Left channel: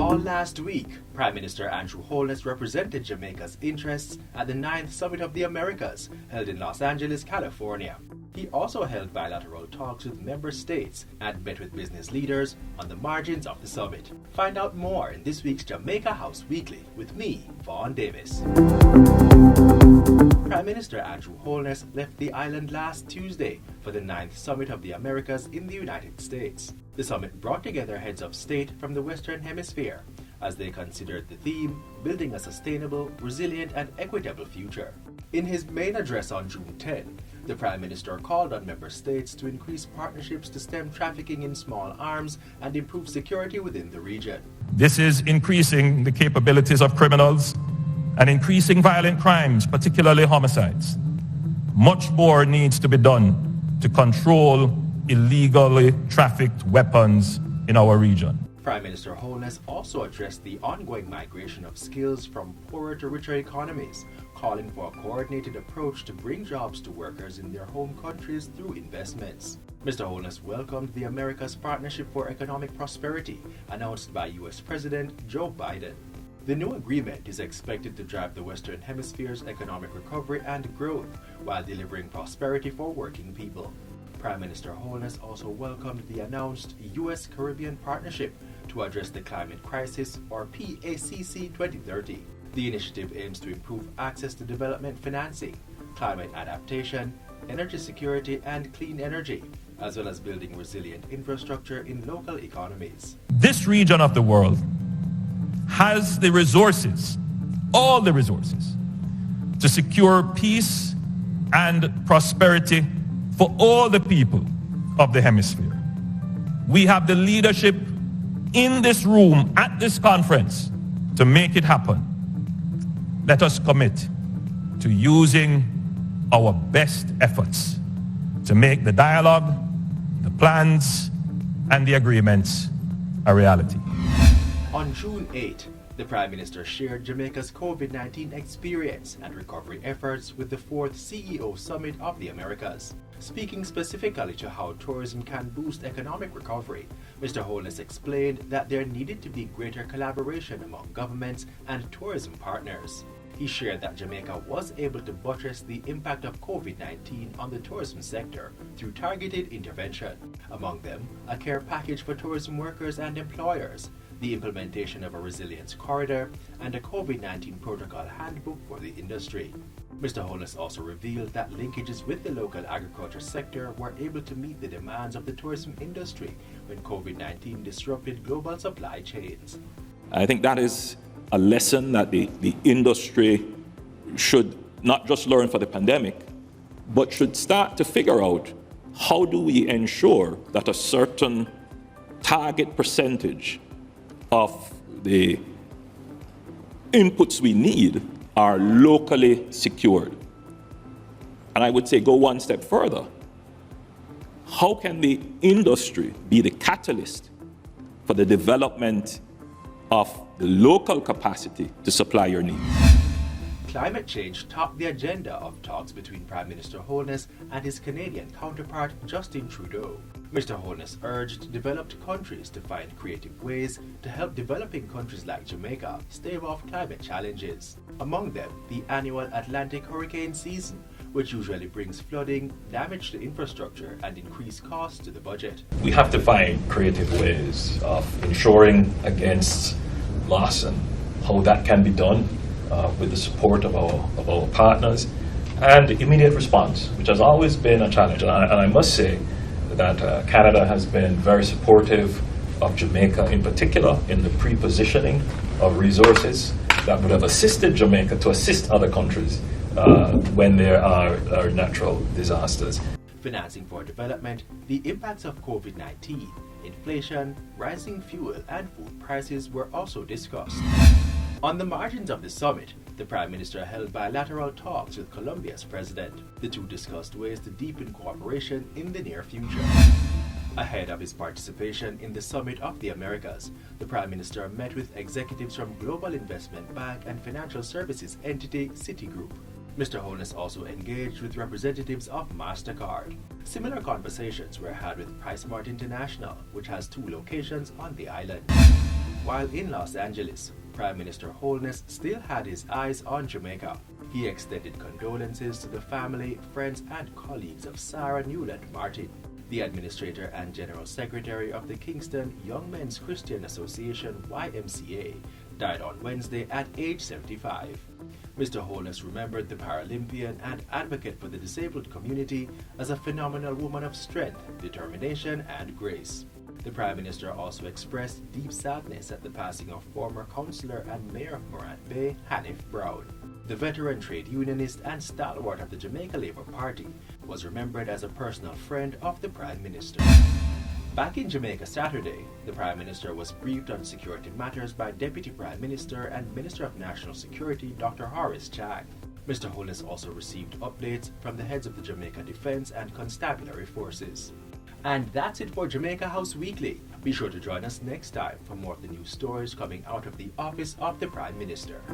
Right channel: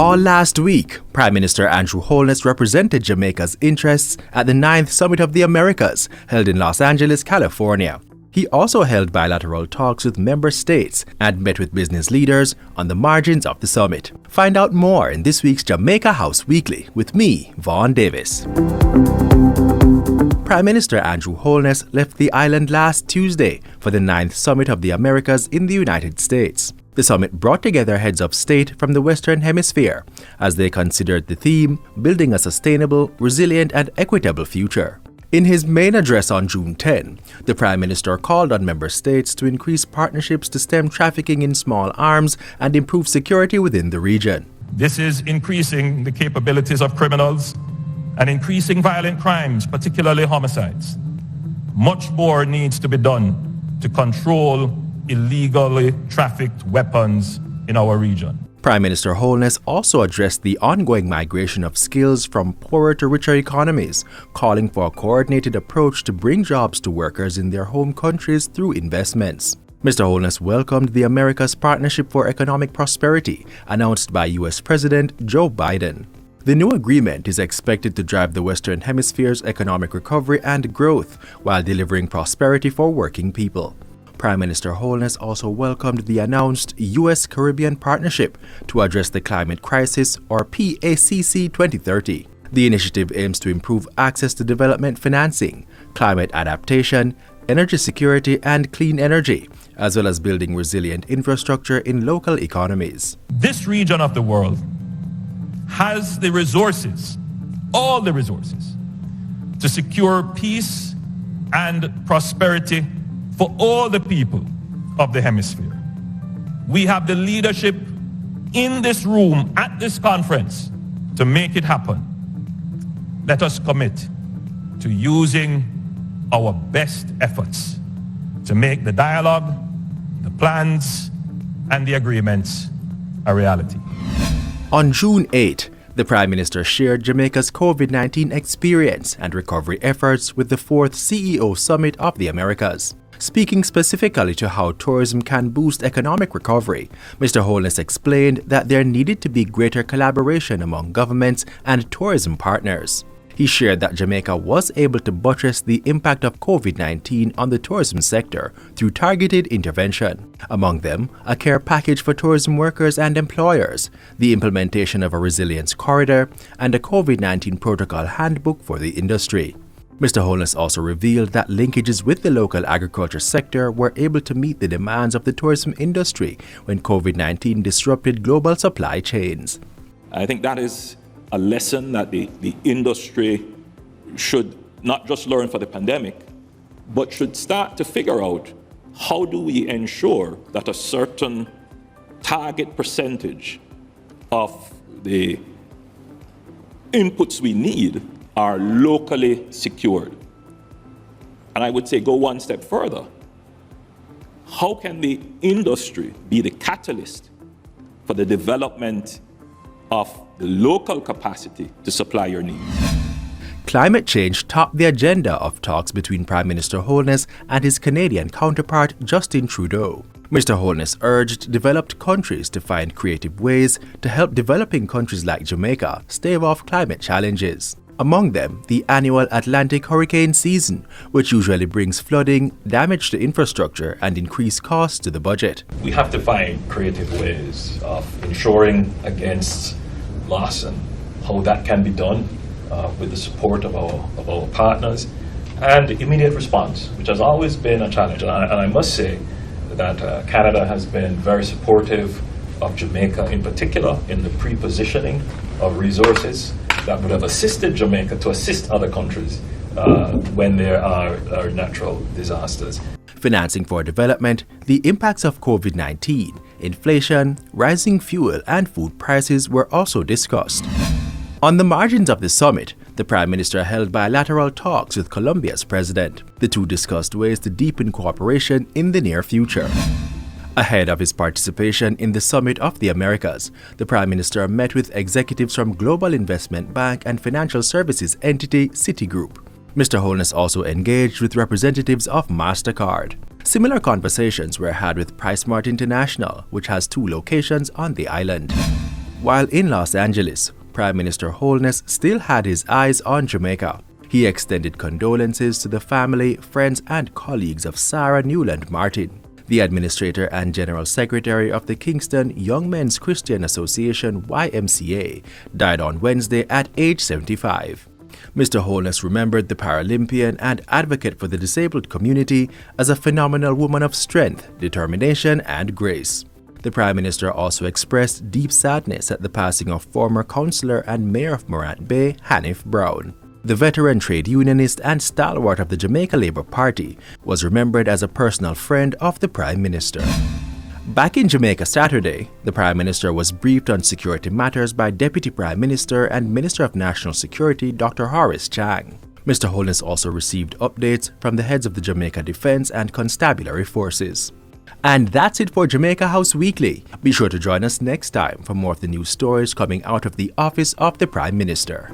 All last week, Prime Minister Andrew Holness represented Jamaica's interests at the 9th Summit of the Americas, held in Los Angeles, California. He also held bilateral talks with member states and met with business leaders on the margins of the summit. Find out more in this week's Jamaica House Weekly with me, Vaughn Davis. Prime Minister Andrew Holness left the island last Tuesday for the 9th Summit of the Americas in the United States. The summit brought together heads of state from the Western Hemisphere as they considered the theme, building a sustainable, resilient and equitable future. In his main address on June 10, the Prime Minister called on member states to increase partnerships to stem trafficking in small arms and improve security within the region. This is increasing the capabilities of criminals and increasing violent crimes, particularly homicides. Much more needs to be done to control illegally trafficked weapons in our region. Prime Minister Holness also addressed the ongoing migration of skills from poorer to richer economies, calling for a coordinated approach to bring jobs to workers in their home countries through investments. Mr. Holness welcomed the America's Partnership for Economic Prosperity, announced by U.S. President Joe Biden. The new agreement is expected to drive the Western Hemisphere's economic recovery and growth while delivering prosperity for working people. Prime Minister Holness also welcomed the announced U.S.-Caribbean Partnership to address the climate crisis, or PACC 2030. The initiative aims to improve access to development financing, climate adaptation, energy security and clean energy, as well as building resilient infrastructure in local economies. This region of the world has the resources, all the resources, to secure peace and prosperity for all the people of the hemisphere. We have the leadership in this room at this conference to make it happen. Let us commit to using our best efforts to make the dialogue, the plans, and the agreements a reality. On June 8, the Prime Minister shared Jamaica's COVID-19 experience and recovery efforts with the 4th CEO Summit of the Americas. Speaking specifically to how tourism can boost economic recovery, Mr. Holness explained that there needed to be greater collaboration among governments and tourism partners. He shared that Jamaica was able to buttress the impact of COVID-19 on the tourism sector through targeted intervention. Among them, a care package for tourism workers and employers, the implementation of a resilience corridor, and a COVID-19 protocol handbook for the industry. Mr. Holness also revealed that linkages with the local agriculture sector were able to meet the demands of the tourism industry when COVID-19 disrupted global supply chains. I think that is a lesson that the industry should not just learn for the pandemic, but should start to figure out how do we ensure that a certain target percentage of the inputs we need are locally secured. And I would say go one step further. How can the industry be the catalyst for the development of the local capacity to supply your needs? Climate change topped the agenda of talks between Prime Minister Holness and his Canadian counterpart Justin Trudeau. Mr. Holness urged developed countries to find creative ways to help developing countries like Jamaica stave off climate challenges. Among them, the annual Atlantic hurricane season, which usually brings flooding, damage to infrastructure, and increased costs to the budget. We have to find creative ways of ensuring against loss and how that can be done with the support of our partners, and immediate response, which has always been a challenge. And I must say that Canada has been very supportive of Jamaica in particular in the pre-positioning of resources that would have assisted Jamaica to assist other countries when there are natural disasters. Financing for development, the impacts of COVID-19, inflation, rising fuel and food prices were also discussed. On the margins of the summit, the Prime Minister held bilateral talks with Colombia's president. The two discussed ways to deepen cooperation in the near future. Ahead of his participation in the Summit of the Americas, the Prime Minister met with executives from global investment bank and financial services entity Citigroup. Mr. Holness also engaged with representatives of MasterCard. Similar conversations were had with PriceSmart International, which has 2 locations on the island. While in Los Angeles, Prime Minister Holness still had his eyes on Jamaica. He extended condolences to the family, friends, and colleagues of Sarah Newland Martin, the administrator and general secretary of the Kingston Young Men's Christian Association YMCA, died on Wednesday at age 75. Mr. Holness remembered the Paralympian and advocate for the disabled community as a phenomenal woman of strength, determination, and grace. The Prime Minister also expressed deep sadness at the passing of former councillor and mayor of Morant Bay, Hanif Brown. The veteran trade unionist and stalwart of the Jamaica Labour Party was remembered as a personal friend of the Prime Minister. Back in Jamaica Saturday, the Prime Minister was briefed on security matters by Deputy Prime Minister and Minister of National Security Dr. Horace Chang. Mr. Holness also received updates from the heads of the Jamaica Defence and Constabulary Forces. And that's it for Jamaica House Weekly. Be sure to join us next time for more of the news stories coming out of the Office of the Prime Minister.